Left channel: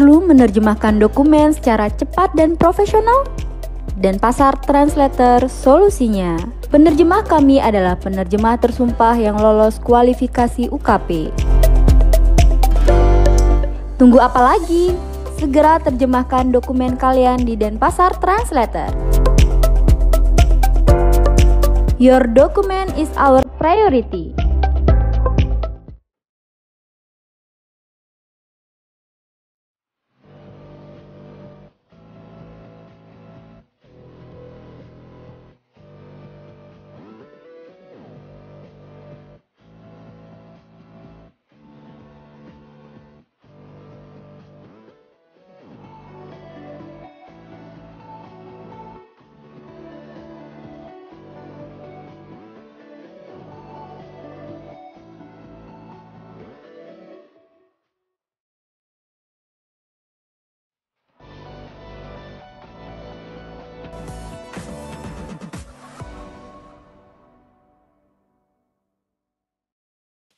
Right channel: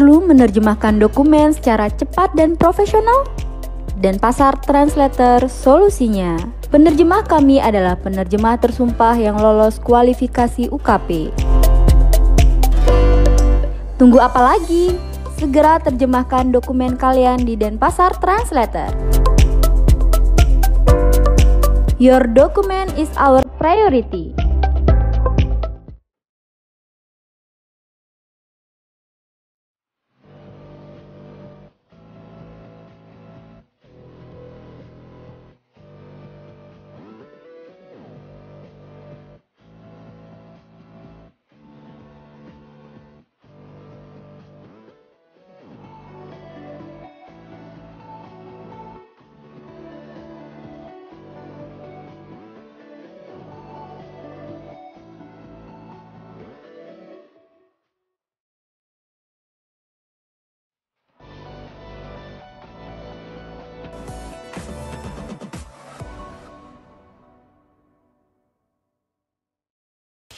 Perlu menerjemahkan dokumen secara cepat dan profesional? Denpasar Translator solusinya. Penerjemah kami adalah penerjemah tersumpah yang lolos kualifikasi UKP. Tunggu apa lagi? Segera terjemahkan dokumen kalian di Denpasar Translator. Your document is our priority.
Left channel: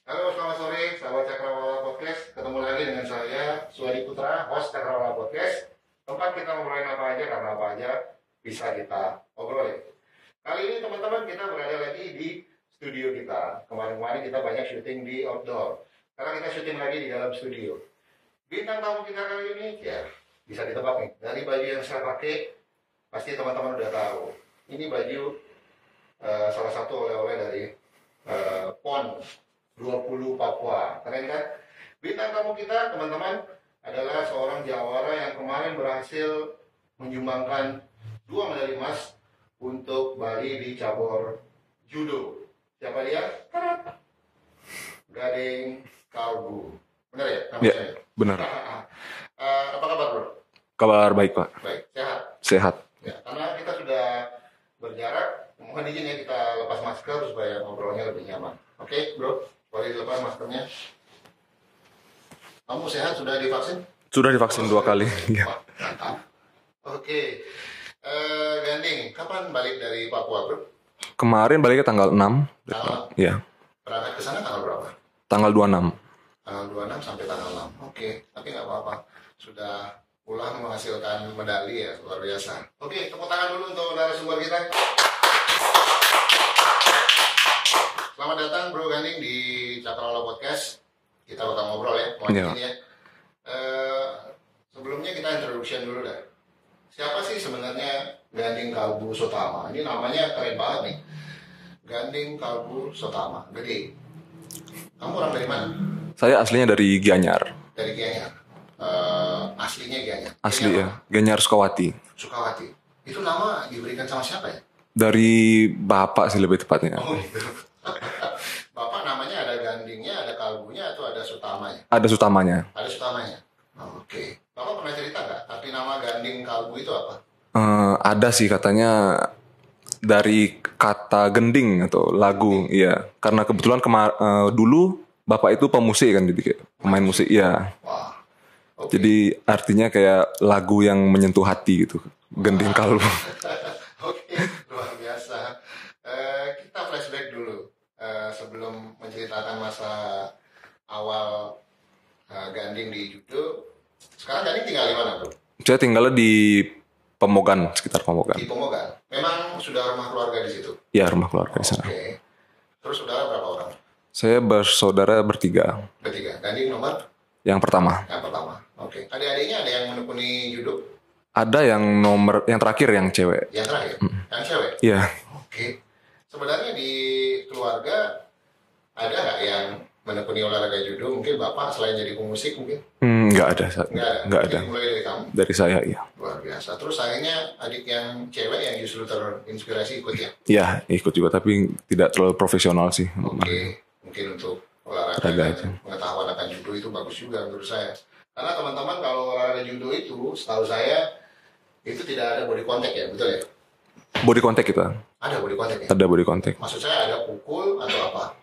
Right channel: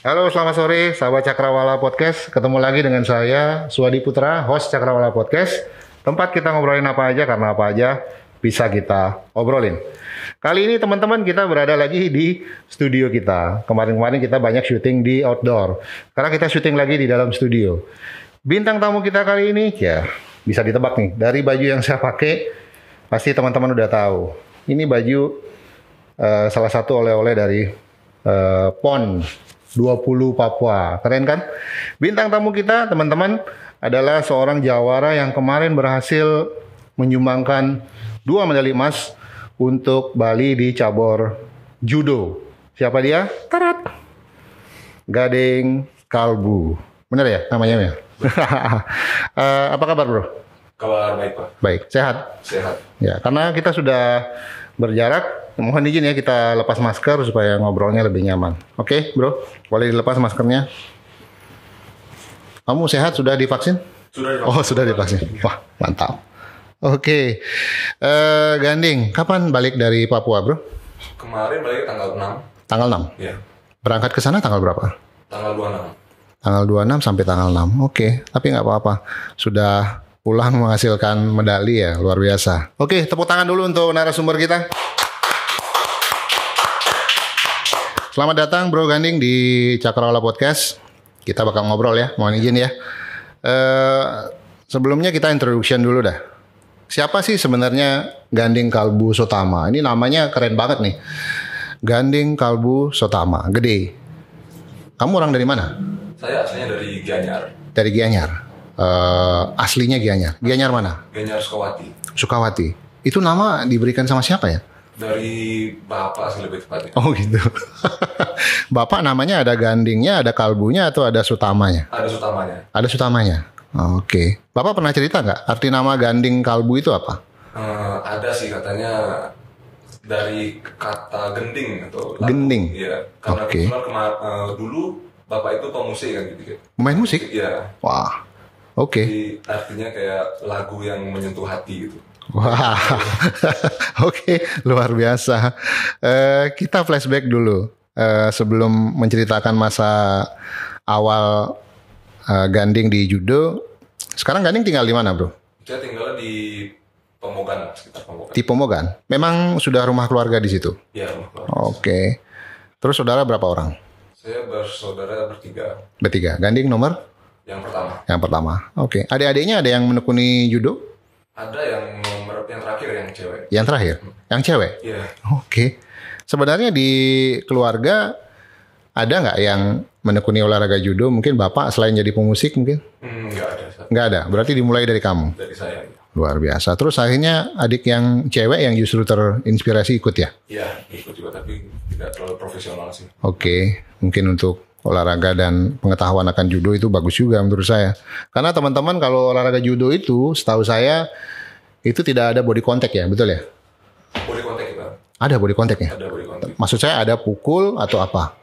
Halo, selamat sore sahabat Cakrawala Podcast. Ketemu lagi dengan saya, Suwadi Putra, host Cakrawala Podcast. Tempat kita ngobrolin apa aja, karena apa aja bisa kita obrolin. Kali ini teman-teman kita berada lagi di studio kita. Kemarin-kemarin kita banyak syuting di outdoor. Sekarang kita syuting lagi di dalam studio. Bintang tamu kita kali ini, ya bisa ditebak nih. Dari baju yang saya pakai, pasti teman-teman udah tahu. Ini baju salah satu oleh-oleh dari PON 20 Papua. Keren kan? Bintang tamu kita, teman-teman, adalah seorang jawara yang kemarin berhasil menyumbangkan 2 medali emas untuk Bali di cabur judo. Siapa dia? Tarat. Gading Kalbu. Benar ya namanya? Ya, benar. Apa kabar, Bro? Kabar baik, Pak. Baik, sehat? Sehat. Ya, karena kita sudah berjarak, mohon izin ya kita lepas masker supaya ngobrolnya lebih nyaman. Oke, Bro? Boleh dilepas maskernya. Kamu sehat? Sudah divaksin? Sudah divaksin. Oh, sudah divaksin. Wah, mantap. Oke. Ganding, kapan balik dari Papua, Bro? Kemarin baliknya tanggal 6. Tanggal 6? Iya. Berangkat ke sana tanggal berapa? Tanggal 26. Tanggal 26 sampai tanggal 6. Oke, tapi nggak apa-apa. Sudah pulang menghasilkan medali ya, luar biasa. Oke, tepuk tangan dulu untuk narasumber kita. Selamat datang Bro Ganding di Cakrawala Podcast. Kita bakal ngobrol ya, mohon izin ya. Sebelumnya kita introduction dulu dah. Siapa sih sebenarnya Ganding Kalbu Sotama? Ini namanya keren banget nih. Ganding Kalbu Sotama, gede. Kamu orang dari mana? Saya aslinya dari Gianyar. Dari Gianyar. Aslinya Gianyar. Gianyar mana? Gianyar Sukawati. Sukawati. Itu nama diberikan sama siapa ya? Dari bapak sih lebih tepatnya. Oh gitu. Bapak namanya ada Gandingnya, ada Kalbunya, atau ada Sutamanya? Ada Sutamanya. Ada Sutamanya. Oke. Bapak pernah cerita nggak arti nama Ganding Kalbu itu apa? Ada sih katanya dari kata gending atau lagu. Gending? Iya. Karena kebetulan dulu bapak itu pemusik kan, jadi pemain musik. Iya. Wah. Oke. Jadi artinya kayak lagu yang menyentuh hati gitu. Wow. Oke, luar biasa. Kita flashback dulu sebelum menceritakan masa awal Ganding di judo. Sekarang Ganding tinggal di mana, Bro? Saya tinggalnya di Pemogan, sekitar Pemogan. Di Pemogan. Memang sudah rumah keluarga di situ? Iya, rumah keluarga. Oke. Terus saudara berapa orang? Saya bersaudara bertiga. Bertiga. Ganding nomor? Yang pertama. Yang pertama. Oke. Adik-adiknya ada yang menekuni judo? Ada yang terakhir yang cewek. Yang terakhir? Yang cewek? Iya. Oke. Sebenarnya di keluarga ada nggak yang menekuni olahraga judo? Mungkin bapak selain jadi pemusik mungkin? Nggak ada. Nggak ada? Berarti dimulai dari kamu? Dari saya, iya. Luar biasa. Terus akhirnya adik yang cewek yang justru terinspirasi ikut ya? Iya, ikut juga. Tapi tidak terlalu profesional sih. Oke. Mungkin untuk olahraga dan pengetahuan akan judo itu bagus juga menurut saya. Karena teman-teman kalau olahraga judo itu, setahu saya itu tidak ada body contact ya, betul ya? Body contact itu? Ada body contact ya? Ada body contact. Maksud saya ada pukul atau apa?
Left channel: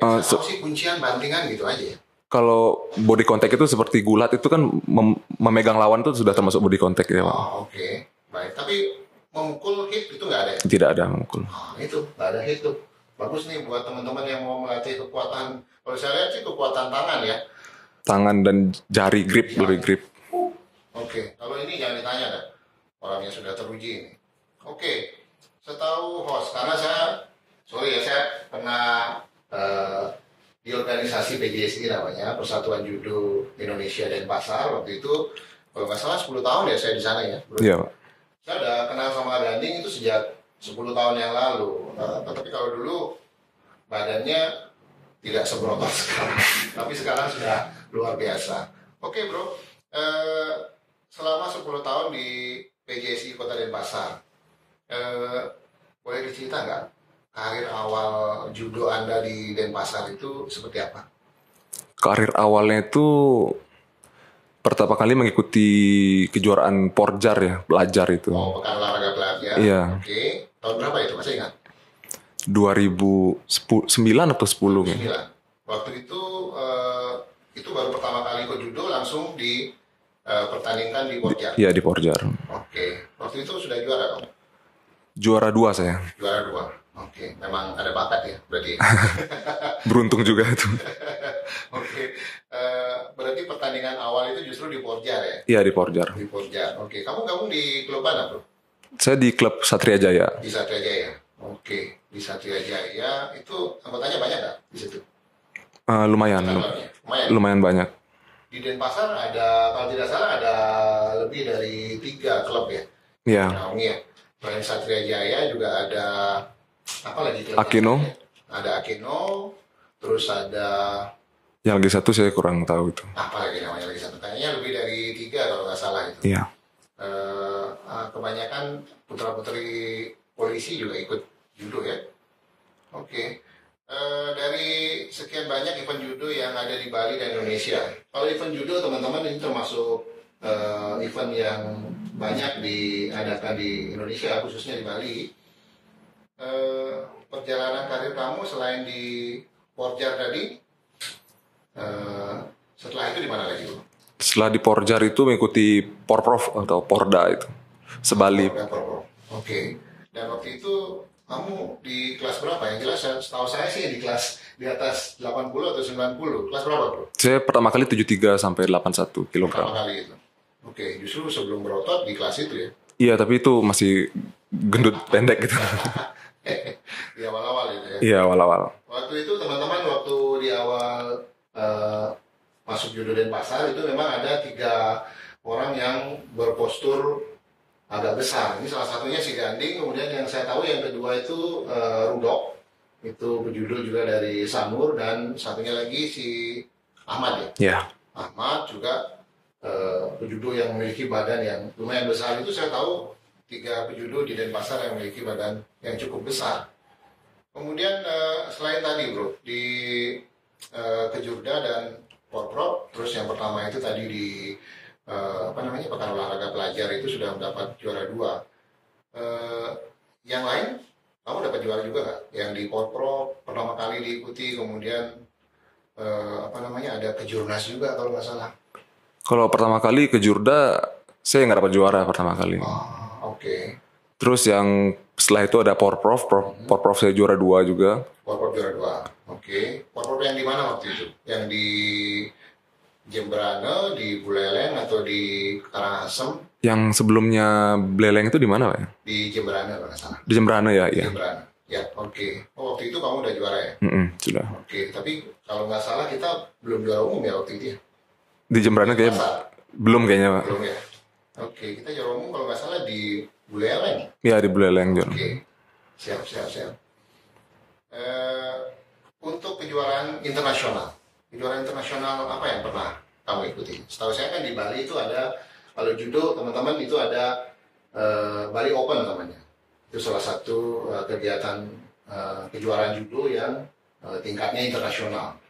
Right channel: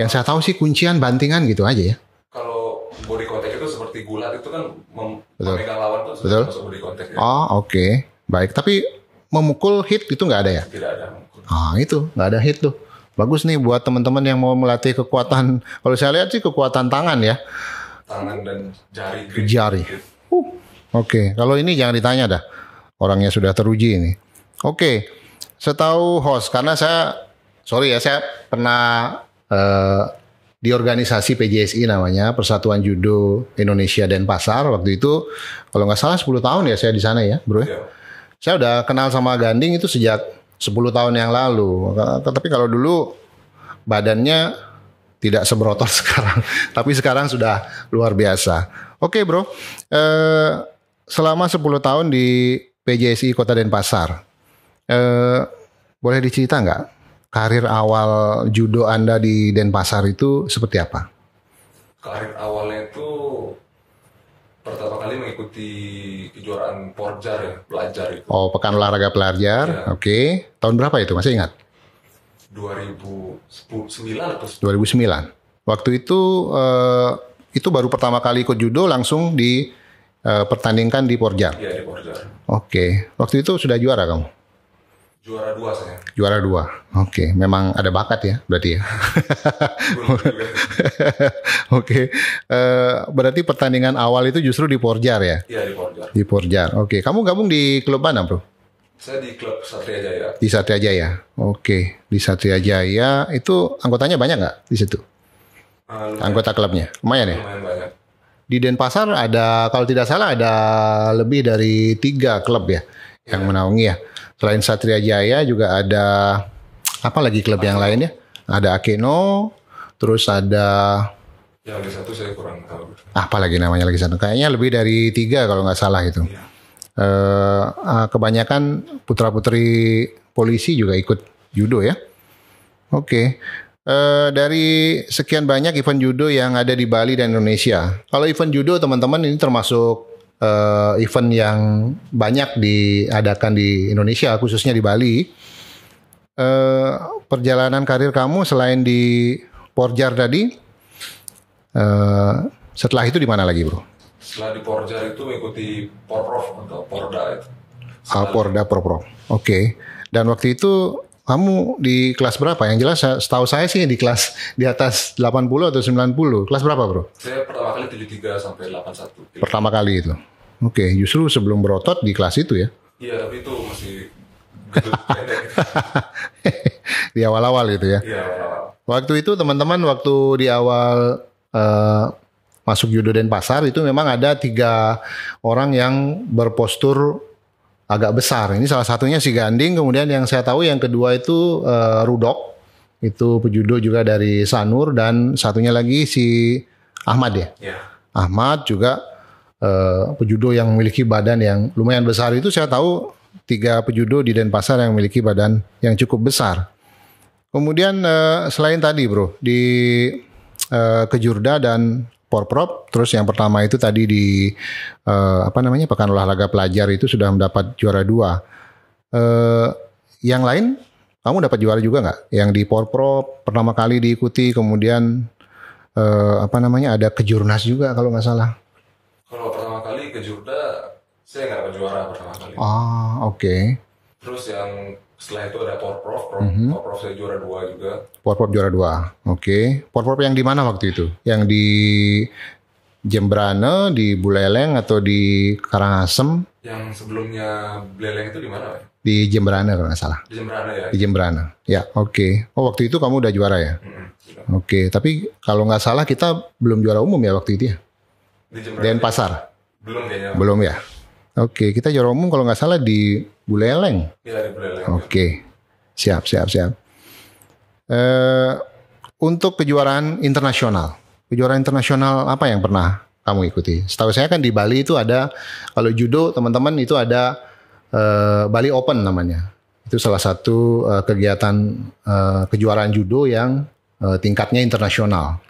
Yang saya tahu sih kuncian bantingan gitu aja ya. Kalau body contact itu seperti gulat itu kan memegang lawan itu sudah termasuk body contact ya. Oh oke. Baik, tapi memukul hit itu nggak ada ya? Tidak ada memukul. Itu nggak ada hit tuh. Bagus nih buat teman-teman yang mau melatih kekuatan. Kalau saya lihat sih kekuatan tangan ya. Tangan dan jari grip. Jari. Oke, kalau ini jangan ditanya dah. Orangnya sudah teruji ini. Oke, setahu host, karena saya pernah di organisasi PJSI namanya, Persatuan Judo Indonesia Denpasar. Waktu itu, kalau nggak salah 10 tahun ya saya di sana ya, bro. Iya. Saya udah kenal sama Ganding itu sejak 10 tahun yang lalu. Tapi kalau dulu badannya tidak seberotot sekarang. Tapi sekarang sudah luar biasa. Oke bro, selama 10 tahun di PJSI Kota Denpasar, boleh dicerita nggak karir awal judo Anda di Denpasar itu seperti apa? Karir awalnya itu pertama kali mengikuti kejuaraan Porjar ya, belajar itu. Oh, Pekan Olahraga Pelajar. Iya. Oke. Tahun berapa itu? Masih ingat? 2009 atau 10? 2009. Waktu itu baru pertama kali ikut judo langsung pertandingkan di Porjar. Iya, di Porjar. Oke. Waktu itu sudah juara kamu? Juara 2 saya. Juara 2. Oke. Memang ada bakat ya berarti ya. Beruntung juga itu. Oke. Berarti pertandingan awal itu justru di Porjar ya? Iya, di Porjar. Di Porjar. Oke. Kamu gabung di klub mana bro? Saya di klub Satria Jaya. Di Satria Jaya. Oke. Di Satria Jaya itu anggotanya banyak nggak di situ? Lumayan. Anggota klubnya? Lumayan ya? Lumayan banyak. Di Denpasar ada, kalau tidak salah ada lebih dari 3 klub ya yang menaungi ya. Selain Satria Jaya juga ada apa lagi klub yang Akino. lainnya? Ada Akino, terus ada Yang lagi satu saya kurang tahu itu. apa lagi namanya lagi sana? Kayaknya lebih dari 3 kalau nggak salah itu. Iya. Kebanyakan putra-putri polisi juga ikut judo ya. Oke. Dari sekian banyak event judo yang ada di Bali dan Indonesia. Kalau event judo teman-teman ini termasuk event yang banyak diadakan di Indonesia, khususnya di Bali. Perjalanan karir kamu selain di Porjar tadi, setelah itu di mana lagi bro? Setelah di Porjar itu mengikuti Porprov atau Porda itu. Sebali. Porda Porprov. Oke. Dan waktu itu kamu di kelas berapa? Yang jelas setahu saya sih di kelas di atas 80 atau 90. Kelas berapa bro? Saya pertama kali 73 sampai 81 kilo. Pertama kali itu. Oke, justru sebelum berotot di kelas itu ya? Iya, tapi itu masih gendut pendek gitu. Di awal-awal itu ya? Iya, awal-awal. Waktu itu teman-teman waktu di awal masuk judo Denpasar itu memang ada 3 orang yang berpostur agak besar. Ini salah satunya si Ganding, kemudian yang saya tahu yang kedua itu Rudok, itu pejudo juga dari Sanur, dan satunya lagi si Ahmad ya? Iya. Ahmad juga pejudo yang memiliki badan yang lumayan besar. Itu saya tahu 3 pejudo di Denpasar yang memiliki badan yang cukup besar. Kemudian selain tadi bro, di Kejurda dan Porprov, terus yang pertama itu tadi di Pekan Olahraga Pelajar itu sudah mendapat juara 2. Yang lain kamu dapat juara juga nggak? Yang di Porprov pertama kali diikuti, kemudian ada Kejurnas juga kalau nggak salah. Kalau pertama kali ke Jurda, saya nggak dapat juara pertama kali. Oke. Terus yang setelah itu ada Porprov. Porprov saya juara 2 juga. Porprov juara 2. Oke. Porprov yang di mana waktu itu? Yang di Jembrane, di Buleleng, atau di Karangasem? Yang sebelumnya Buleleng itu di mana, Pak? Di Jembrane kalau nggak salah. Di Jembrane ya? Di Jembrane. Ya, oke. Oh, waktu itu kamu udah juara ya? Sudah. Oke, tapi kalau nggak salah kita belum juara umum ya waktu itu ya? Di Jembrane Denpasar? Belum kayaknya, Pak. Belum ya? Oke, kita juara umum kalau nggak salah di Buleleng. Iya, di Buleleng. Oke, siap. Untuk kejuaraan internasional apa yang pernah kamu ikuti? Setahu saya kan di Bali itu ada, kalau judo teman-teman itu ada Bali Open namanya. Itu salah satu kegiatan kejuaraan judo yang tingkatnya internasional.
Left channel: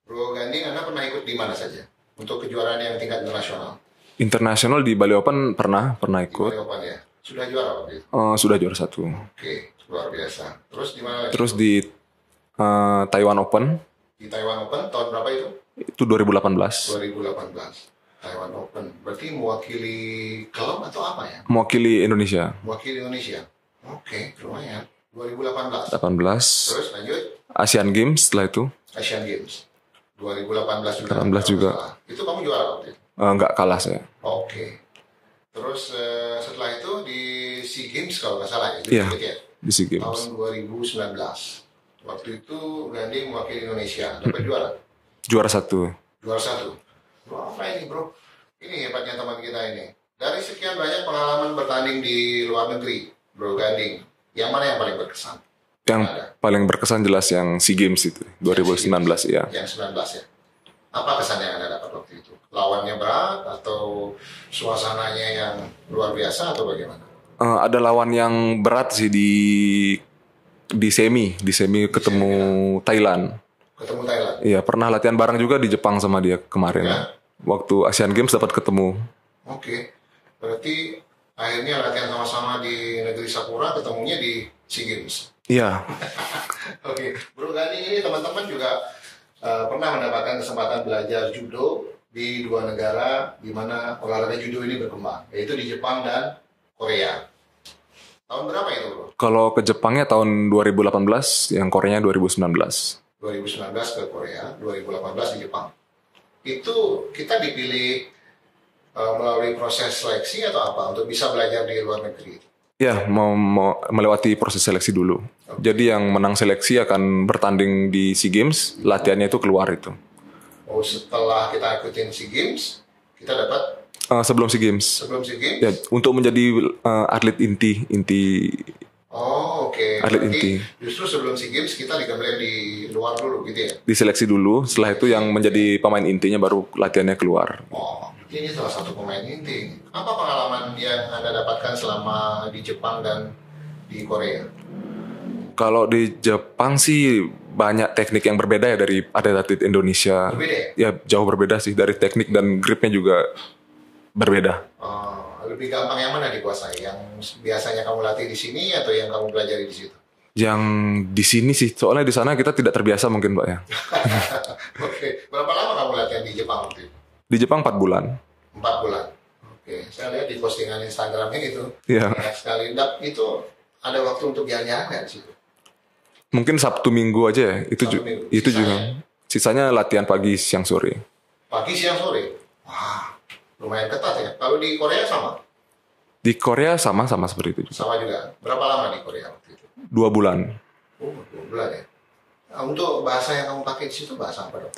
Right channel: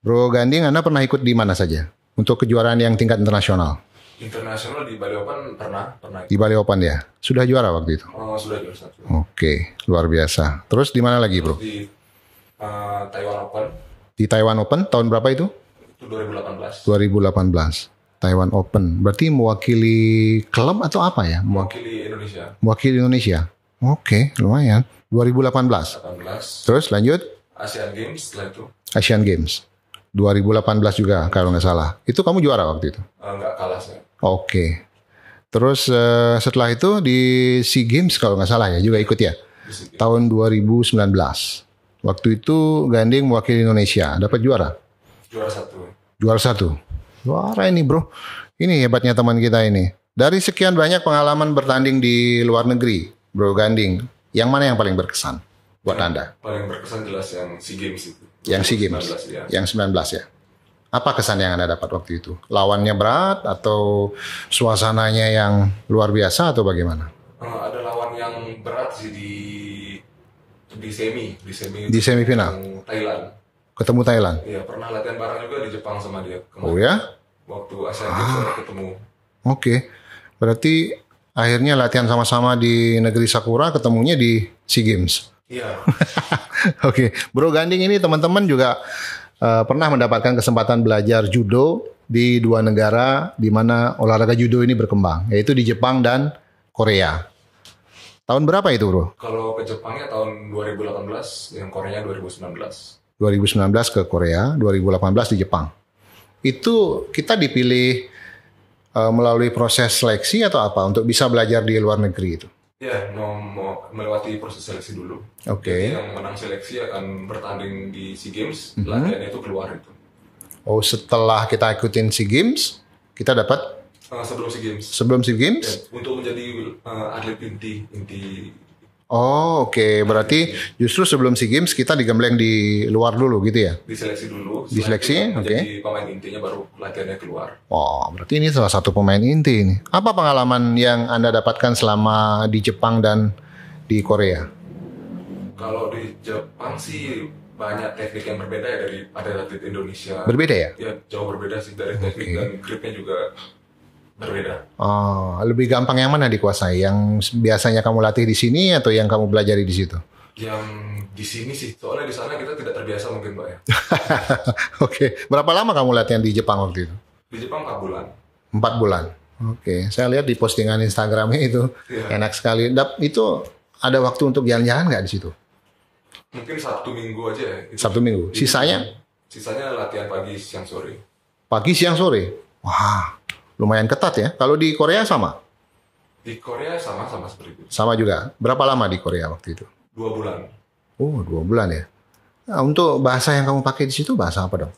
Bro Ganding, Anda pernah ikut di mana saja untuk kejuaraan yang tingkat internasional? Internasional di Bali Open pernah ikut. Di Bali Open ya? Sudah juara waktu itu? Sudah juara 1. Oke, luar biasa. Terus di mana lagi, Terus bro? di Taiwan Open. Di Taiwan Open tahun berapa itu? Itu 2018. 2018. Taiwan Open. Berarti mewakili klub atau apa ya? Mewakili Indonesia. Mewakili Indonesia. Oke, lumayan. 2018. 18. Terus lanjut? Asian Games setelah itu. Asian Games. 2018 juga 18 kalau nggak juga. salah. Itu kamu juara waktu itu? Nggak kalah saya. Oke. Terus setelah itu di SEA Games kalau nggak salah ya juga Iya, ikut ya? di SEA Games. Tahun 2019. Waktu itu Ganding mewakili Indonesia. Dapat juara? Juara 1. Juara 1. Juara ini bro. Ini hebatnya teman kita ini. Dari sekian banyak pengalaman bertanding di luar negeri, Bro Ganding, yang mana yang paling berkesan buat Yang Anda? paling berkesan jelas yang SEA Games itu, Yang SEA 2019 Games. ya. Yang 19 ya. Apa kesan yang Anda dapat waktu itu? Lawannya berat atau suasananya yang luar biasa atau bagaimana? Ada lawan yang berat sih di semi ketemu semifinal? Thailand. Ketemu Thailand. Iya, pernah latihan bareng juga di Jepang sama dia kemarin. Oh ya? Waktu Asian Games dapat ketemu. Oke. Berarti akhirnya latihan sama-sama di negeri Sakura, ketemunya di SEA Games. Iya. Oke, Bro Ganding ini teman-teman juga pernah mendapatkan kesempatan belajar judo di dua negara di mana olahraga judo ini berkembang, yaitu di Jepang dan Korea. Tahun berapa itu, Bro? Kalau ke Jepangnya tahun 2018, yang Koreanya 2019. 2019 ke Korea, 2018 di Jepang. Itu kita dipilih melalui proses seleksi atau apa untuk bisa belajar di luar negeri itu? Ya, mau melewati proses seleksi dulu. Oke. Jadi yang menang seleksi akan bertanding di SEA Games, latihannya itu keluar itu. Oh, setelah kita ikutin SEA Games, kita dapat Sebelum SEA Games. sebelum SEA Games? Ya, untuk menjadi atlet inti Oh, oke. Berarti inti. justru sebelum SEA Games kita digembleng di luar dulu gitu ya? diseleksi dulu. Setelah Diseleksi, itu yang oke. menjadi pemain intinya baru latihannya keluar. Oh, berarti ini salah satu pemain inti ini. Apa pengalaman yang Anda dapatkan selama di Jepang dan di Korea? Kalau di Jepang sih banyak teknik yang berbeda ya dari atlet Indonesia. Berbeda ya? Ya, jauh berbeda sih dari teknik dan gripnya juga berbeda. Oh, lebih gampang yang mana dikuasai? Yang biasanya kamu latih di sini atau yang kamu pelajari di situ? Yang di sini sih, soalnya di sana kita tidak terbiasa mungkin, Pak ya. Oke. Berapa lama kamu latihan di Jepang waktu itu? Di Jepang 4 bulan. 4 bulan. Oke. Saya lihat di postingan Instagramnya itu Iya. enak sekali. Itu ada waktu untuk jalan-jalan nggak di situ? Mungkin Sabtu Minggu aja ya. Itu Sabtu Minggu. Itu Sisanya? sisanya latihan pagi, siang, sore. Pagi, siang, sore. Wah, lumayan ketat ya. Kalau di Korea sama? Di Korea sama seperti itu. Sama juga. Berapa lama di Korea waktu itu? 2 bulan. Oh, 2 bulan ya. Nah, untuk bahasa yang kamu pakai di situ bahasa apa dong?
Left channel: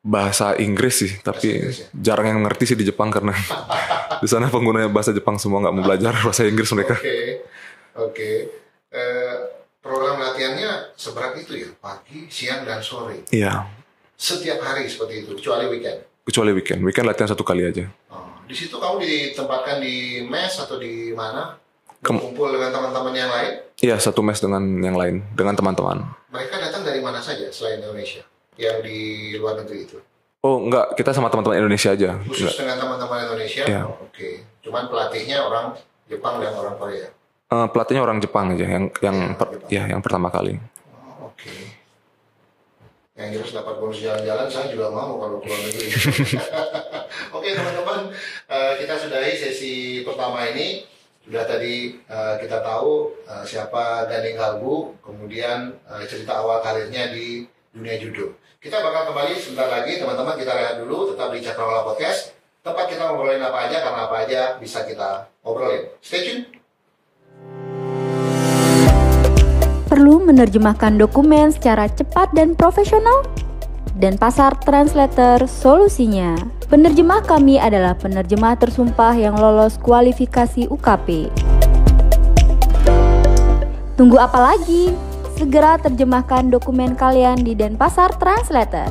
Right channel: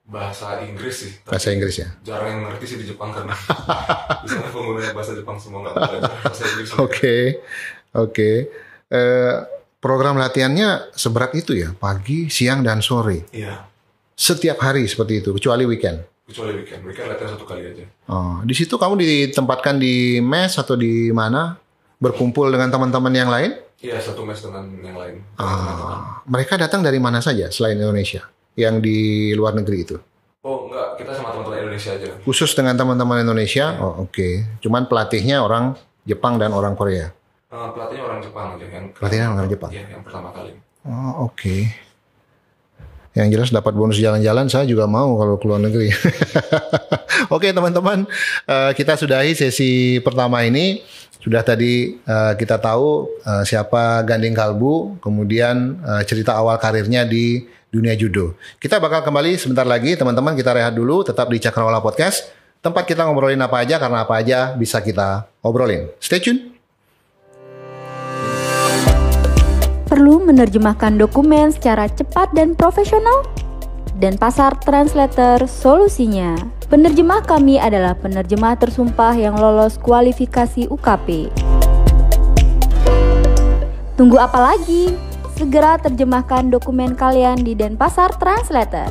Bahasa Inggris sih. Tapi Bahasa Inggris ya? jarang yang ngerti sih di Jepang karena di sana penggunanya bahasa Jepang semua nggak mau belajar bahasa Inggris mereka. Oke. Program latihannya seberat itu ya? Pagi, siang, dan sore. Iya. Setiap hari seperti itu, kecuali weekend. Kecuali weekend. Weekend latihan 1 kali aja. Oh, di situ kamu ditempatkan di mes atau di mana? Berkumpul dengan teman-teman yang lain? Iya, 1 mes dengan yang lain, dengan teman-teman. Mereka datang dari mana saja selain Indonesia? Yang di luar negeri itu? Oh, enggak. Kita sama teman-teman Indonesia aja. Khusus dengan teman-teman Indonesia? Iya. Oh, oke. Cuman pelatihnya orang Jepang dan orang Korea? Pelatihnya orang Jepang aja. Pelatihnya orang Jepang? Ya, yang pertama kali. Oh, oke. Yang jelas dapat bonus jalan-jalan, saya juga mau kalau ke luar negeri. Oke, teman-teman. Kita sudahi sesi pertama ini. Sudah tadi kita tahu siapa Ganding Kalbu, kemudian cerita awal karirnya di dunia judo. Kita bakal kembali sebentar lagi, teman-teman. Kita rehat dulu, tetap di Cakrawala Podcast. Tempat kita ngobrolin apa aja, karena apa aja bisa kita obrolin. Stay tune. Perlu menerjemahkan dokumen secara cepat dan profesional? Dan Pasar Translator solusinya. Penerjemah kami adalah penerjemah tersumpah yang lolos kualifikasi UKP. Tunggu apa lagi? Segera terjemahkan dokumen kalian di Denpasar Translator.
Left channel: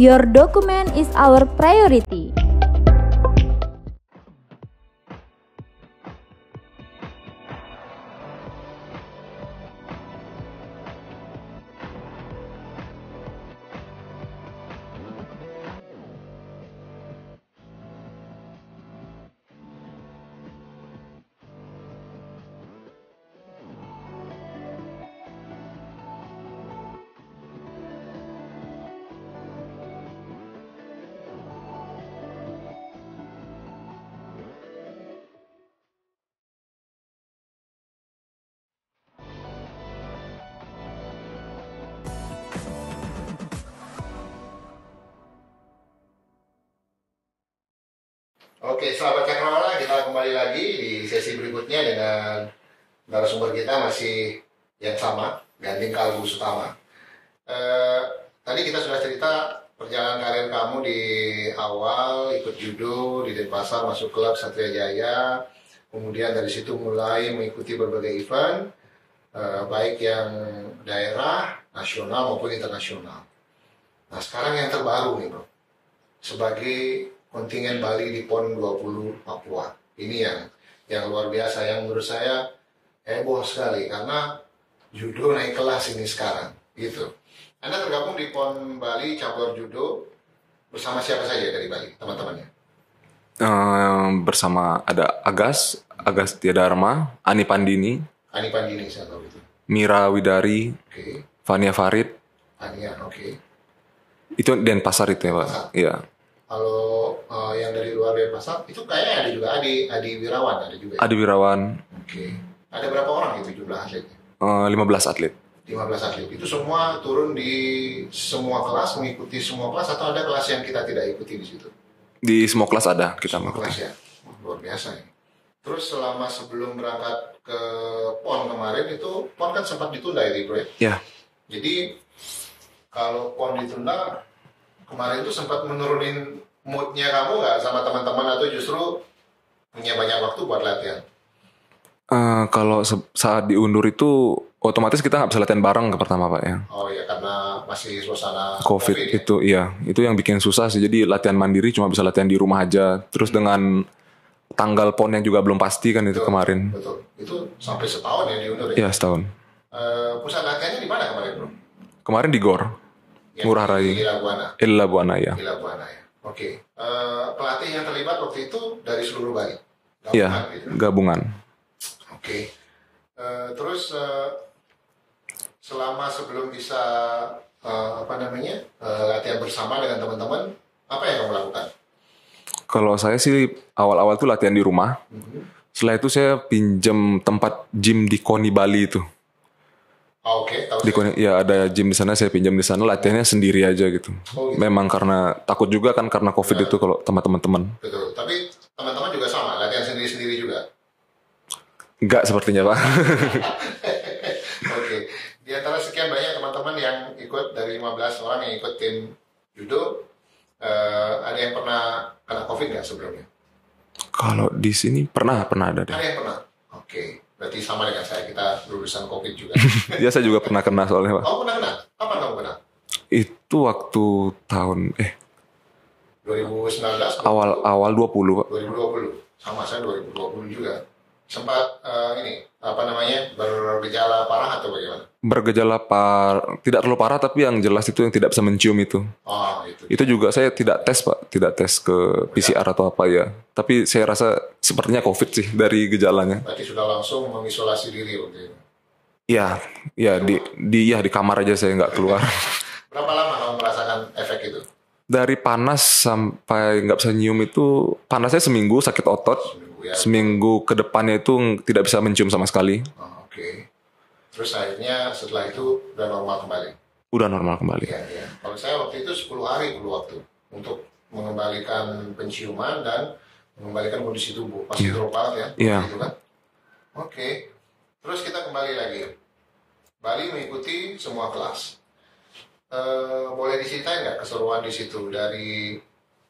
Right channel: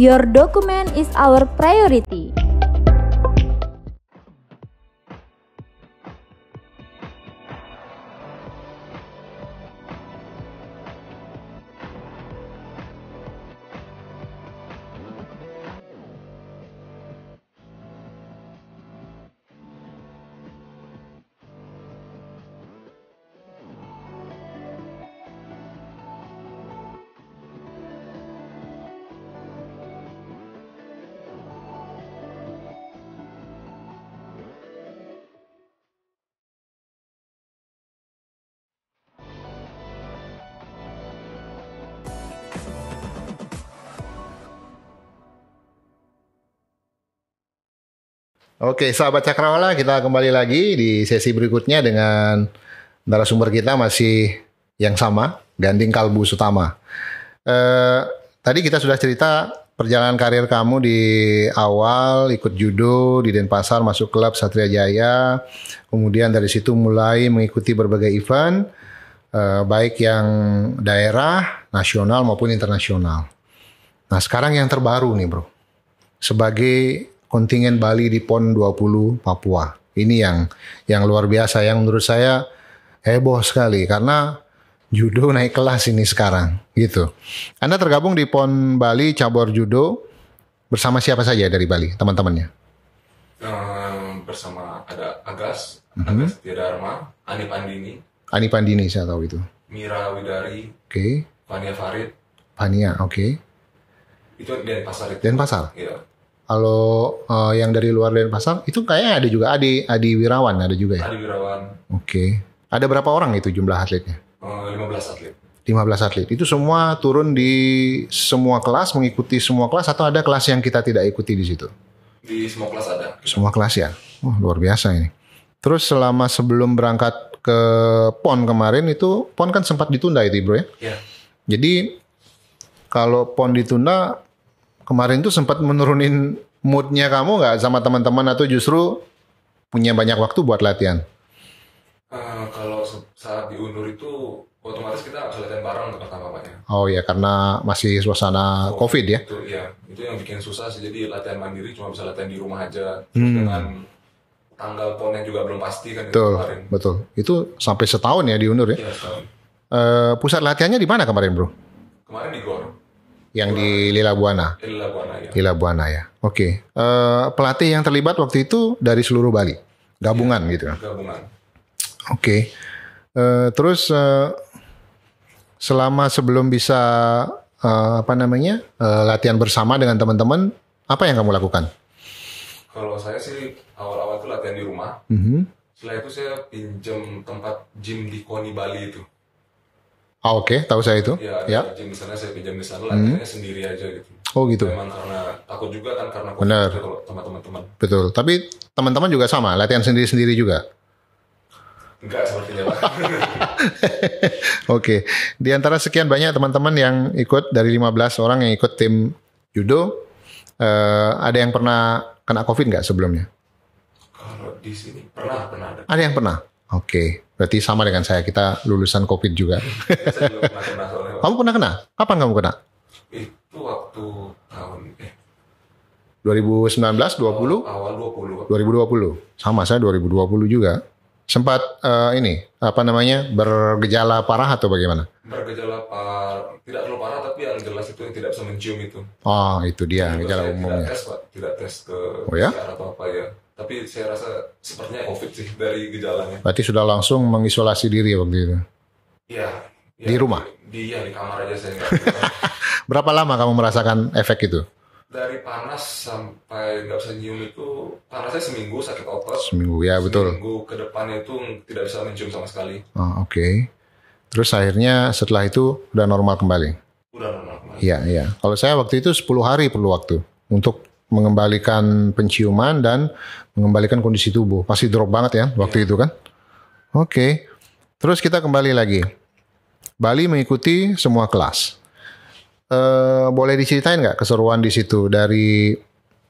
Your document is our priority. Oke, sahabat Cakrawala, kita kembali lagi di sesi berikutnya dengan narasumber kita masih yang sama, Ganding Kalbu Sutama. Tadi kita sudah cerita perjalanan karir kamu di awal ikut judo di Denpasar, masuk klub Satria Jaya, kemudian dari situ mulai mengikuti berbagai event, baik yang daerah, nasional maupun internasional. Nah, sekarang yang terbaru nih, Bro. Sebagai kontingen Bali di PON 20 Papua. Ini yang luar biasa, yang menurut saya heboh sekali karena judo naik kelas ini sekarang gitu. Anda tergabung di PON Bali cabur judo bersama siapa saja dari Bali, teman-temannya? Bersama ada Agas Tiadarma, Ani Pandini saya tahu itu. Mira Widari, Oke. Fania Farid. Fania, oke. Itu Denpasar itu. Denpasar? Iya. Kalau yang dari luar Denpasar, itu kayaknya ada juga Adi Wirawan ada juga ya? Adi Wirawan. Oke. Ada berapa orang itu jumlah atletnya? 15 atlet. 15 atlet. Itu semua turun di semua kelas, mengikuti semua kelas, atau ada kelas yang kita tidak ikuti di situ? Di semua kelas ada. Semua kelas ya? Oh, luar biasa ini. Terus selama sebelum berangkat ke PON kemarin itu, PON kan sempat ditunda itu, Bro ya? Iya. Jadi kalau PON ditunda, kemarin tuh sempat menurunin moodnya kamu nggak sama teman-teman, atau justru punya banyak waktu buat latihan? Kalau saat diundur itu otomatis kita nggak bisa latihan bareng ke pertama Pak ya. Oh ya, karena masih suasana COVID ya? Itu iya, itu yang bikin susah sih. Jadi latihan mandiri cuma bisa latihan di rumah aja. Terus dengan tanggal PON yang juga belum pasti kan itu kemarin. Betul. Itu sampai setahun ya diundur ya? Iya, setahun. Pusat latihannya di mana kemarin, Bro? Kemarin di GOR. Yang di Lila Buana? Lila Buana ya. Lila Buana ya. Oke. Pelatih yang terlibat waktu itu dari seluruh Bali? Gabungan gitu kan? Gabungan. Oke. Terus selama sebelum bisa latihan bersama dengan teman-teman, apa yang kamu lakukan? Kalau saya sih awal-awal tuh latihan di rumah. Setelah itu saya pinjam tempat gym di Koni Bali itu. Oke, tahu saya itu. Ya, ada gym di sana, saya pinjam di sana, latihannya sendiri aja gitu. Oh gitu. Memang karena takut juga kan karena COVID itu kalau sama teman-teman. Betul. Tapi teman-teman juga sama, latihan sendiri-sendiri juga. Enggak sepertinya Pak. Oke. Di antara sekian banyak teman-teman yang ikut, dari 15 orang yang ikut tim judo, ada yang pernah kena COVID nggak sebelumnya? Kalau di sini pernah ada. Ada yang pernah? Oke. Berarti sama dengan saya, kita lulusan COVID juga. Ya, saya juga pernah kena soalnya Pak. Kamu pernah kena? Kapan kamu kena? Itu waktu tahun 2019, 20? Awal 20 Pak. 2020. Sama, saya 2020 juga. Sempat bergejala parah atau bagaimana? Bergejala tidak terlalu parah, tapi yang jelas itu yang tidak bisa mencium itu. Oh, itu dia. Itu juga saya tidak tes Pak, tidak tes ke PCR atau apa ya. Tapi saya rasa sepertinya COVID sih dari gejalanya. Berarti sudah langsung mengisolasi diri waktu itu? Iya, di rumah? Di kamar aja, saya nggak keluar. Berapa lama kamu merasakan efek itu? Dari panas sampai nggak bisa nyium itu, panasnya seminggu, sakit otot. Seminggu, ya betul. Seminggu ke depannya itu tidak bisa mencium sama sekali. Oh, oke. Terus akhirnya setelah itu udah normal kembali? Udah normal kembali. Iya. Kalau saya waktu itu 10 hari perlu waktu untuk mengembalikan penciuman dan mengembalikan kondisi tubuh. Pasti drop banget ya waktu itu kan? Oke. Terus kita kembali lagi. Bali mengikuti semua kelas. Boleh diceritain nggak keseruan di situ dari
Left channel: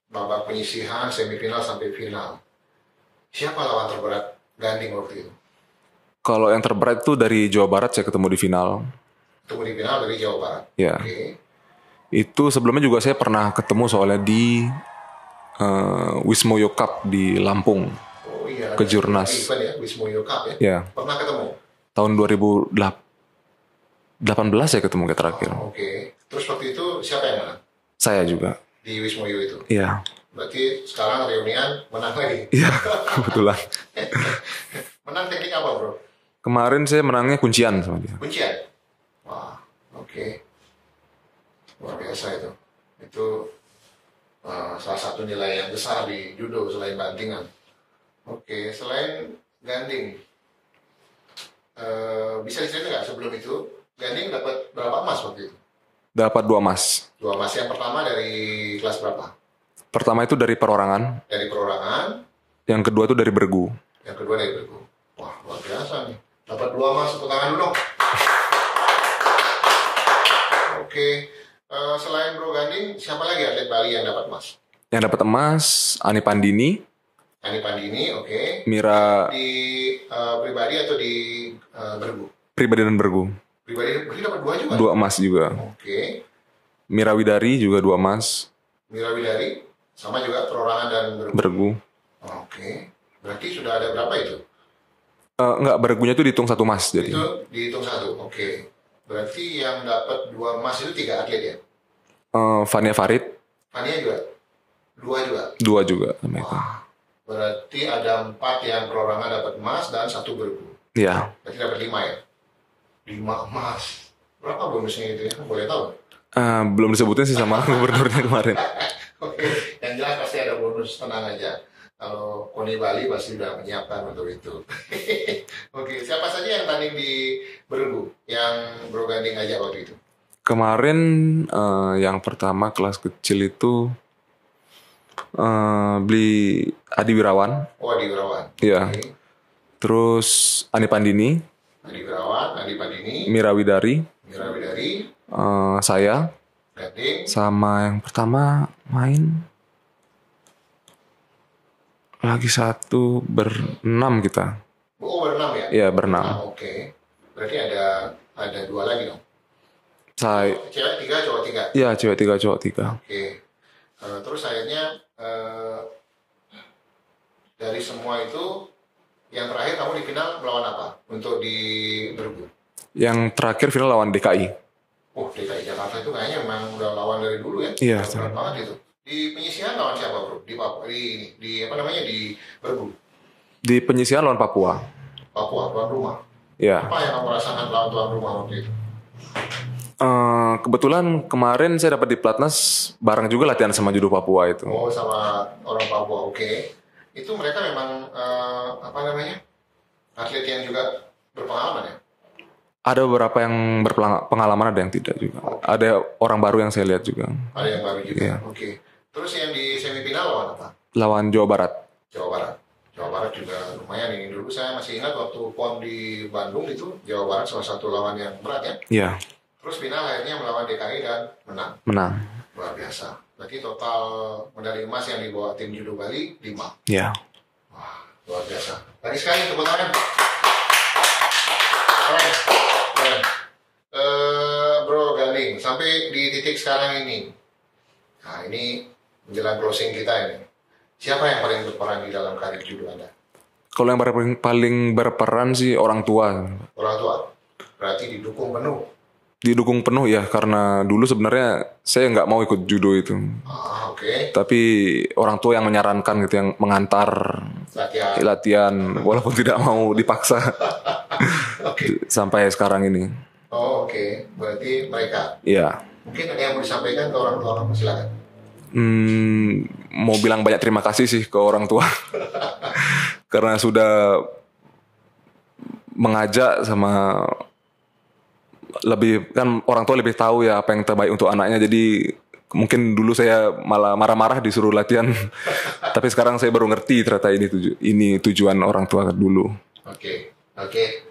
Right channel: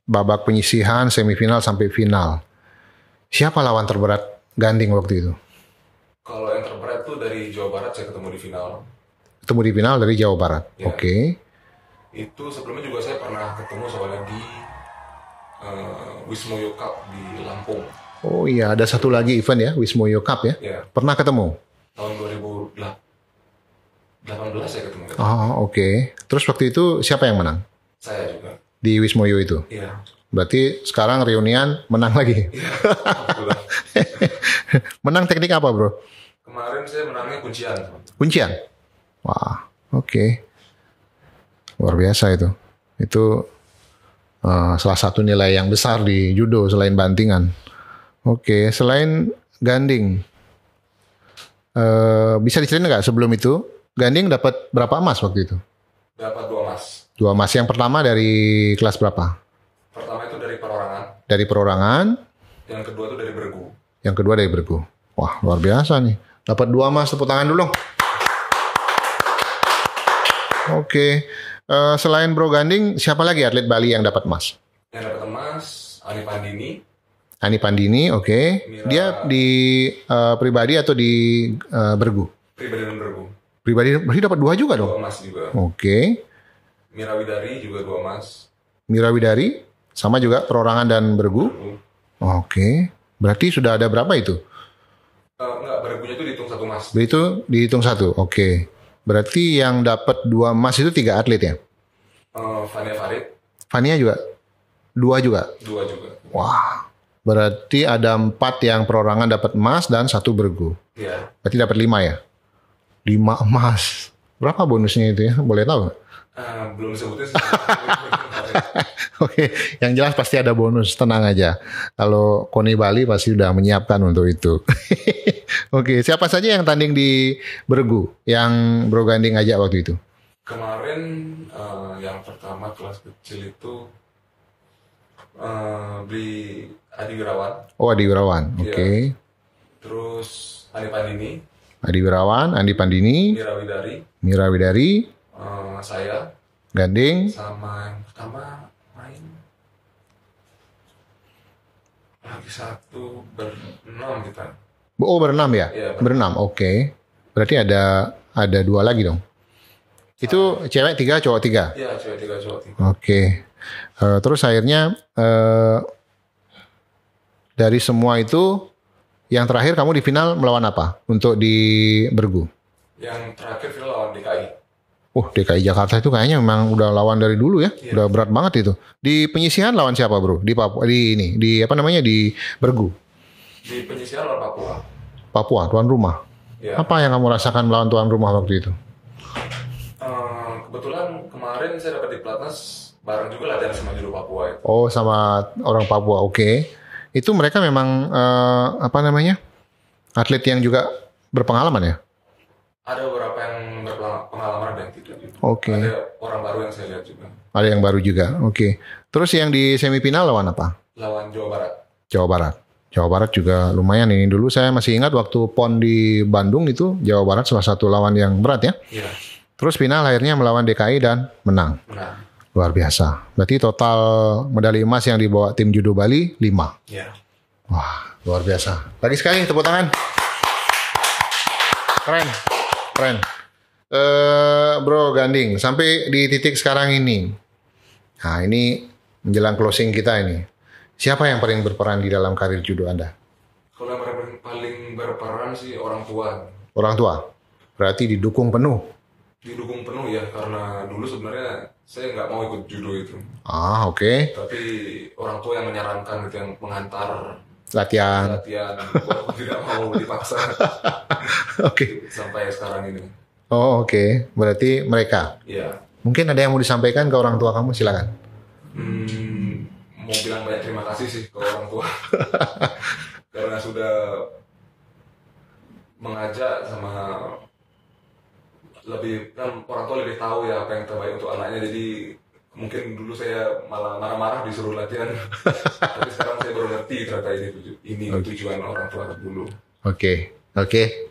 babak penyisihan, semifinal sampai final? Siapa lawan terberat Ganding waktu itu? Kalau yang terberat itu dari Jawa Barat, saya ketemu di final. Ketemu di final dari Jawa Barat. Ya. Oke. Itu sebelumnya juga saya pernah ketemu soalnya di Wismoyo Cup di Lampung. Oh iya, ada satu lagi event ya, Wismoyo Cup ya? Ya. Pernah ketemu? Tahun 2018 saya ketemu terakhir. Oh, oke. Terus waktu itu siapa yang menang? Saya juga. Di Wismoyo itu? Iya. Berarti sekarang reunian menang lagi? Iya, kebetulan. Menang teknik apa, Bro? Kemarin saya menangnya kuncian sama dia. Kuncian? Wah, oke. Luar biasa itu. Itu salah satu nilai yang besar di judo selain bantingan. Oke, selain Ganding, bisa diceritain nggak sebelum itu Ganding dapat berapa emas waktu itu? Dapat 2 emas. 2 emas. Yang pertama dari kelas berapa? Pertama itu dari perorangan. Dari perorangan. Yang kedua tuh dari bergu. Yang kedua dari bergu. Wah, luar biasa nih. Dapat 2 emas, tepuk tangan dulu. Oke. Selain Bro Ganding, siapa lagi atlet Bali yang dapat emas? Yang dapat emas Ani Pandini. Ani Pandini, oke. Mira. Dia di pribadi atau di bergu? Pribadi dan bergu. Pribadi, berarti dapat 2 juga 2 dong? emas juga. Oke. Mira Widari juga 2 emas. Mira Widari, sama juga perorangan dan bergu? Bergu. Oke. Berarti sudah ada berapa itu? Enggak, bergunya tuh dihitung 1 emas. Jadi. Itu dihitung 1, oke. Berarti yang dapat 2 emas itu 3 atlet ya? Fania Farid. Fania juga? 2 juga? 2 juga. Wah. Berarti ada 4 yang perorangan dapat emas dan 1 bergu. Iya. Berarti dapat 5 ya? 5 emas. Berapa bonusnya itu ya? Boleh tahu nggak? Belum disebutin sih sama gubernurnya kemarin. Oke, yang jelas pasti ada bonus, tenang aja. Kalau KONI Bali pasti sudah menyiapkan untuk itu. Oke, siapa saja yang tanding di bergu yang Bro Ganding ajak waktu itu? Kemarin yang pertama kelas kecil itu beli Adi Wirawan. Oh, Adi Wirawan. Oke. Iya. Terus Ani Pandini. Adi Wirawan, Andi Pandini, Mira Widari. Mira Widari, Saya. Ganding. Sama yang pertama main. Lagi 1 berenam kita. Oh, berenam ya? Iya, berenam. Oke. Berarti ada 2 lagi dong. Itu cewek 3, cowok 3? Iya, cewek 3, cowok 3. Oke. Terus akhirnya dari semua itu yang terakhir kamu di final melawan apa untuk di bergu? Yang terakhir final lawan DKI. DKI Jakarta itu kayaknya memang udah lawan dari dulu ya. Iya, Udah berat banget itu. Di penyisihan lawan siapa, Bro? Di Papua, di apa namanya, di bergu. Di penyisihan lawan Papua. Papua, tuan rumah. Iya. Apa yang kamu rasakan melawan tuan rumah waktu itu? Kebetulan kemarin saya dapat di Platnas bareng juga latihan sama judo Papua itu. Oh, sama orang Papua. Oke. Itu mereka memang apa namanya? Atlet yang juga berpengalaman ya? Ada beberapa yang berpengalaman, ada yang tidak juga. Oke. Ada orang baru yang saya lihat juga. Ada yang baru juga. Oke. Terus yang di semifinal lawan apa? Lawan Jawa Barat. Jawa Barat. Jawa Barat juga lumayan ini. Dulu saya masih ingat waktu PON di Bandung itu Jawa Barat salah satu lawan yang berat ya. Iya. Terus final akhirnya melawan DKI dan menang. Menang. Luar biasa. Berarti total medali emas yang dibawa tim judo Bali 5. Iya. Wah, luar biasa. Lagi sekali tepuk tangan. Keren. Bro Ganding, sampai di titik sekarang ini. Nah, ini menjelang closing kita ini. Siapa yang paling berperan di dalam karir judo Anda? Kalau yang paling berperan sih orang tua. Orang tua. Berarti didukung penuh. Didukung penuh ya, karena dulu sebenarnya saya nggak mau ikut judo itu. Oke. Tapi orang tua yang menyarankan gitu, yang mengantar latihan walaupun tidak mau dipaksa. Oke. Sampai sekarang ini. Oke. Berarti mereka. Iya. Mungkin ada yang mau disampaikan ke orang tua kamu, silakan. Mau bilang banyak terima kasih sih ke orang tua. Karena sudah mengajak sama lebih, kan orang tua lebih tahu ya apa yang terbaik untuk anaknya. Jadi mungkin dulu saya malah marah-marah disuruh latihan. Tapi sekarang saya baru ngerti ternyata ini tujuan orang tua dulu. Oke.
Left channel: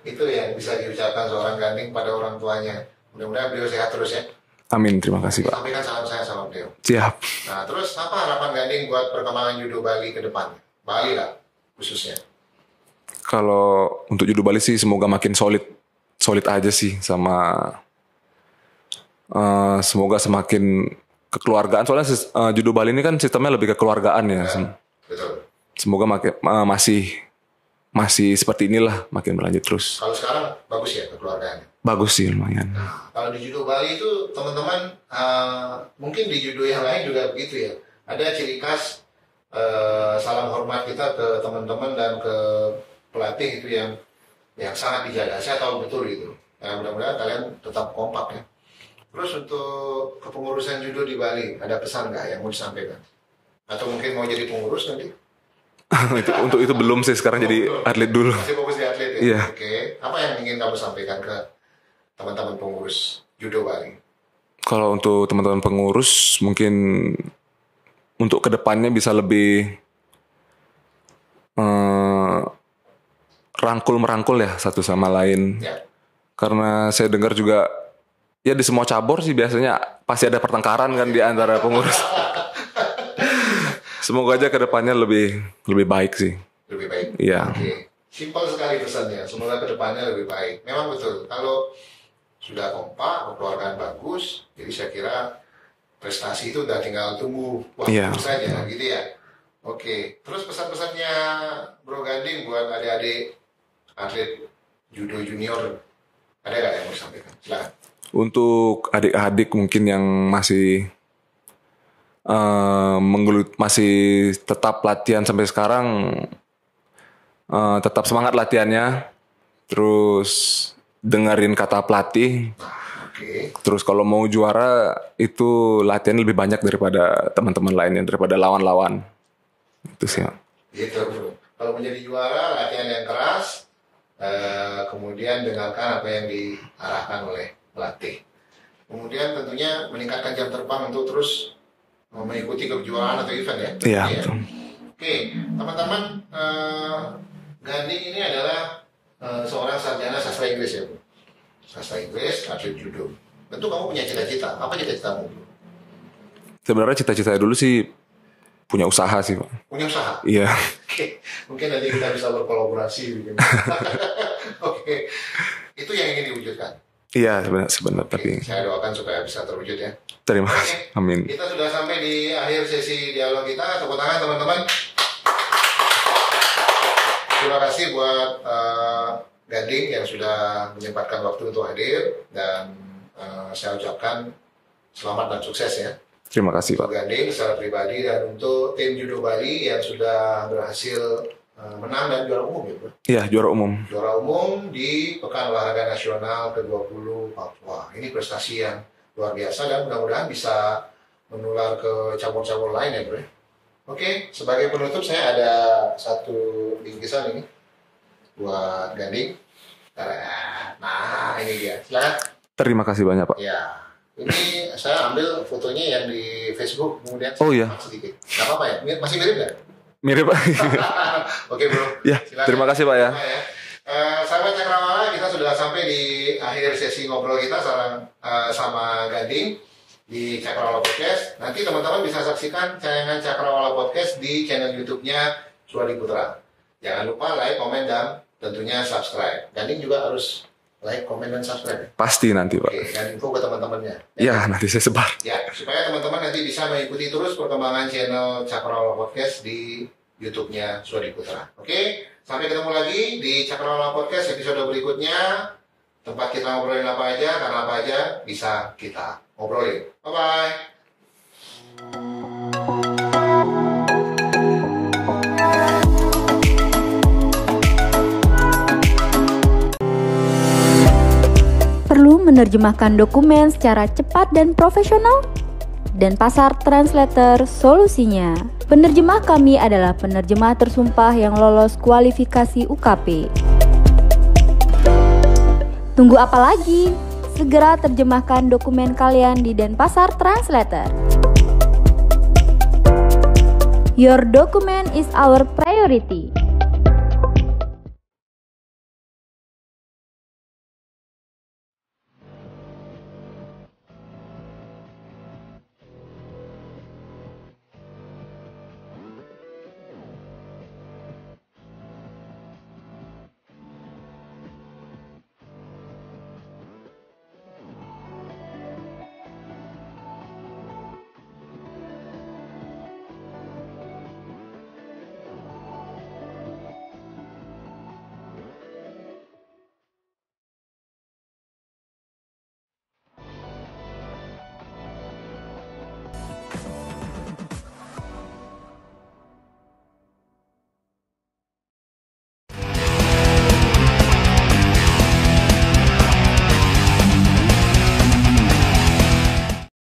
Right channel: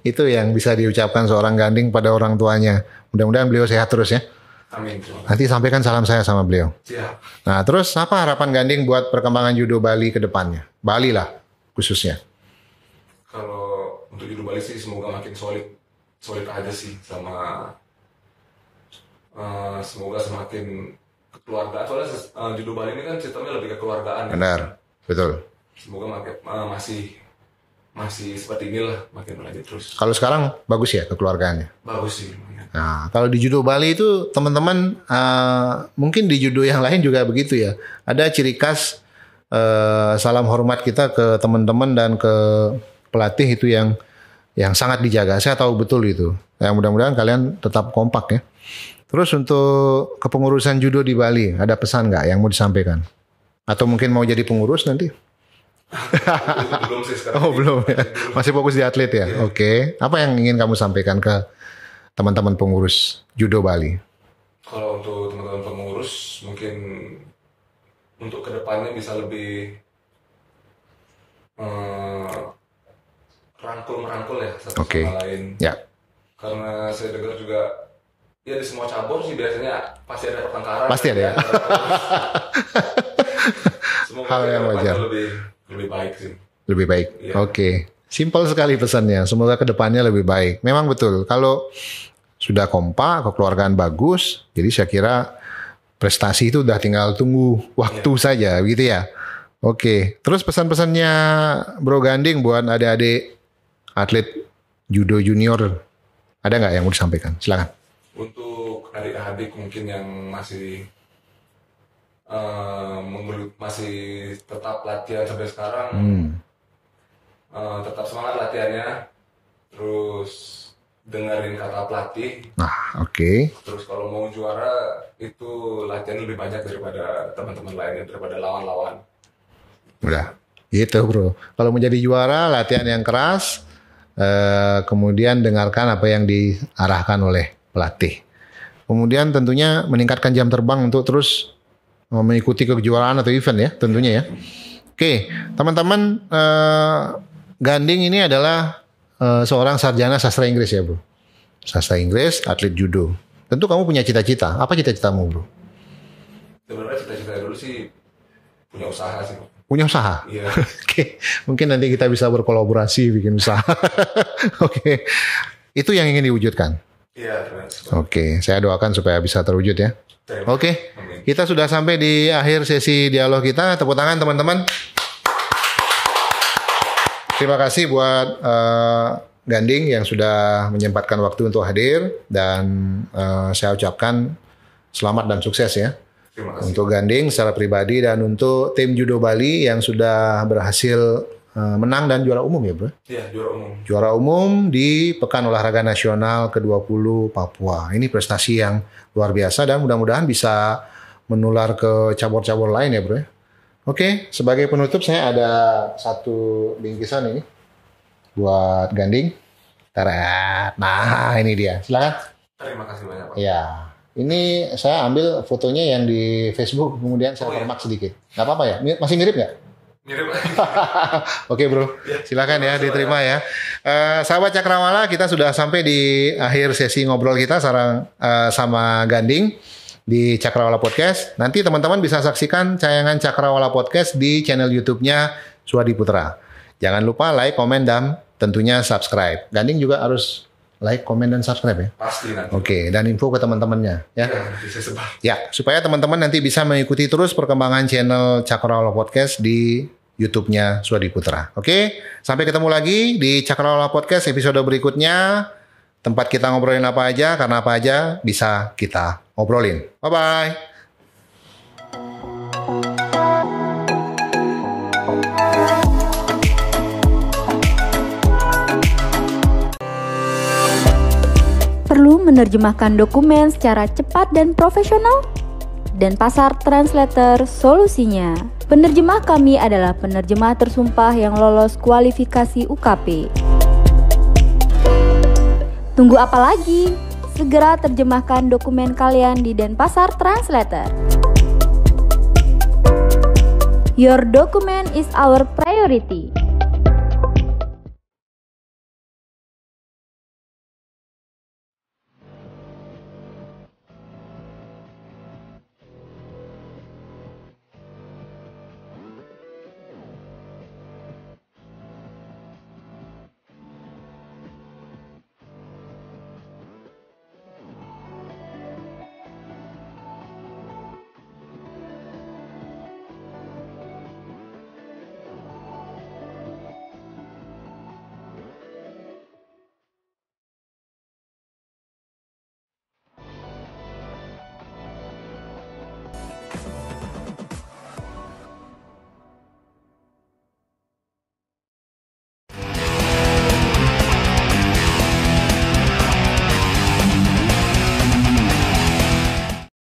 Itu yang bisa diucapkan seorang Ganding pada orang tuanya. Mudah-mudahan beliau sehat terus ya. Amin, terima Nanti kasih. sampaikan salam saya sama beliau. Siap. Nah, terus apa harapan Ganding buat perkembangan judo Bali ke depannya? Bali lah khususnya. Kalau untuk judo Bali sih semoga makin solid aja sih, sama semoga semakin kekeluargaan. Soalnya judo Bali ini kan sistemnya lebih kekeluargaan ya. Benar, betul. Semoga masih seperti inilah, makin berlanjut terus. Kalau sekarang bagus ya kekeluargaannya. Bagus sih lumayan. Nah, kalau di judo Bali itu teman-teman mungkin di judo yang lain juga begitu ya. Ada ciri khas salam hormat kita ke teman-teman dan ke pelatih itu yang sangat dijaga. Saya tahu betul itu. Ya, mudah-mudahan kalian tetap kompak ya. Terus untuk kepengurusan judo di Bali, ada pesan nggak yang mau disampaikan? Atau mungkin mau jadi pengurus nanti? Untuk itu belum sih, sekarang jadi belum. atlet dulu. Masih fokus di atlet ya? Iya. Oke. Apa yang ingin kamu sampaikan ke teman-teman pengurus judo Bali? Kalau untuk teman-teman pengurus, mungkin untuk kedepannya bisa lebih eh, rangkul-merangkul ya satu sama lain. Ya. Karena saya dengar juga ya di semua cabur sih biasanya pasti ada pertengkaran Pasti kan di ada. antara pengurus. Semoga aja kedepannya lebih baik sih. Lebih baik. Iya. Oke. Simpel sekali pesannya. Semoga kedepannya lebih baik. Memang betul. Kalau sudah kompak, kekeluargaan bagus, jadi saya kira prestasi itu udah tinggal tunggu waktu Iya. saja, gitu ya. Oke. Terus pesan-pesannya Bro Ganding buat adik-adik atlet judo junior, ada nggak yang mau disampaikan? Silakan. Untuk adik-adik mungkin yang masih masih tetap latihan sampai sekarang, tetap semangat latihannya, terus dengerin kata pelatih, Nah, oke. terus kalau mau juara itu latihan lebih banyak daripada teman-teman lainnya, daripada lawan-lawan. Itu sih. Gitu bro. Kalau menjadi juara, latihan yang keras, kemudian dengarkan apa yang diarahkan oleh pelatih. Kemudian tentunya meningkatkan jam terbang untuk terus mengikuti kejuaraan atau event ya, tentunya ya. Iya, betul. Oke, teman-teman, Ganding ini adalah seorang sarjana sastra Inggris ya bro. Sastra Inggris, atlet judo. Tentu kamu punya cita-cita. Apa cita-citamu bro? Sebenarnya cita-cita dulu sih punya usaha sih, Pak. Punya usaha? Iya. Oke, mungkin nanti kita bisa berkolaborasi bikin usaha. Oke, itu yang ingin diwujudkan. Iya, sebenarnya. Oke, saya doakan supaya bisa terwujud ya. Terima Oke, kasih. Amin. kita sudah sampai di akhir sesi dialog kita. Tepuk tangan teman-teman. Terima kasih buat Ganding yang sudah menyempatkan waktu untuk hadir dan saya ucapkan selamat dan sukses ya. Terima kasih. Untuk Ganding secara pribadi dan untuk tim Judo Bali yang sudah berhasil menang dan juara umum ya bro. Iya, juara umum. Juara umum di Pekan Olahraga Nasional ke-20 Papua. Ini prestasi yang luar biasa dan mudah-mudahan bisa menular ke cabur-cabur lain ya bro. Oke, sebagai penutup saya ada satu bingkisan ini buat Ganding. Tarat. Nah ini dia, silakan. Terima kasih banyak, Pak. Ya, ini saya ambil fotonya yang di Facebook kemudian saya iya. kopak sedikit. Gak apa-apa ya? Masih mirip nggak? Mirip, Pak. Oke bro, Ya, silakan terima ya kasih, Pak, diterima ya. Sahabat Cakrawala, kita sudah sampai di akhir sesi ngobrol kita sama Ganding di Cakrawala Podcast. Nanti teman-teman bisa saksikan tayangan Cakrawala Podcast di channel YouTube-nya Suwadi Putra. Jangan lupa like, komen, dan tentunya subscribe. Ganding juga harus like, komen, dan subscribe ya. Pasti nanti, Oke, dan info ke teman-temannya. Pak. Ya, nanti saya sebar. Ya, supaya teman-teman nanti bisa mengikuti terus perkembangan channel Cakrawala Podcast di YouTube-nya Suwadi Putra. Oke, sampai ketemu lagi di Cakrawala Podcast episode berikutnya. Tempat kita ngobrolin apa aja, karena apa aja bisa kita ngobrolin. Bye-bye. Perlu menerjemahkan dokumen secara cepat dan profesional? Dan Pasar Translator solusinya. Penerjemah kami adalah penerjemah tersumpah yang lolos kualifikasi UKP. Tunggu apa lagi? Segera terjemahkan dokumen kalian di Denpasar Translator. Your document is our priority.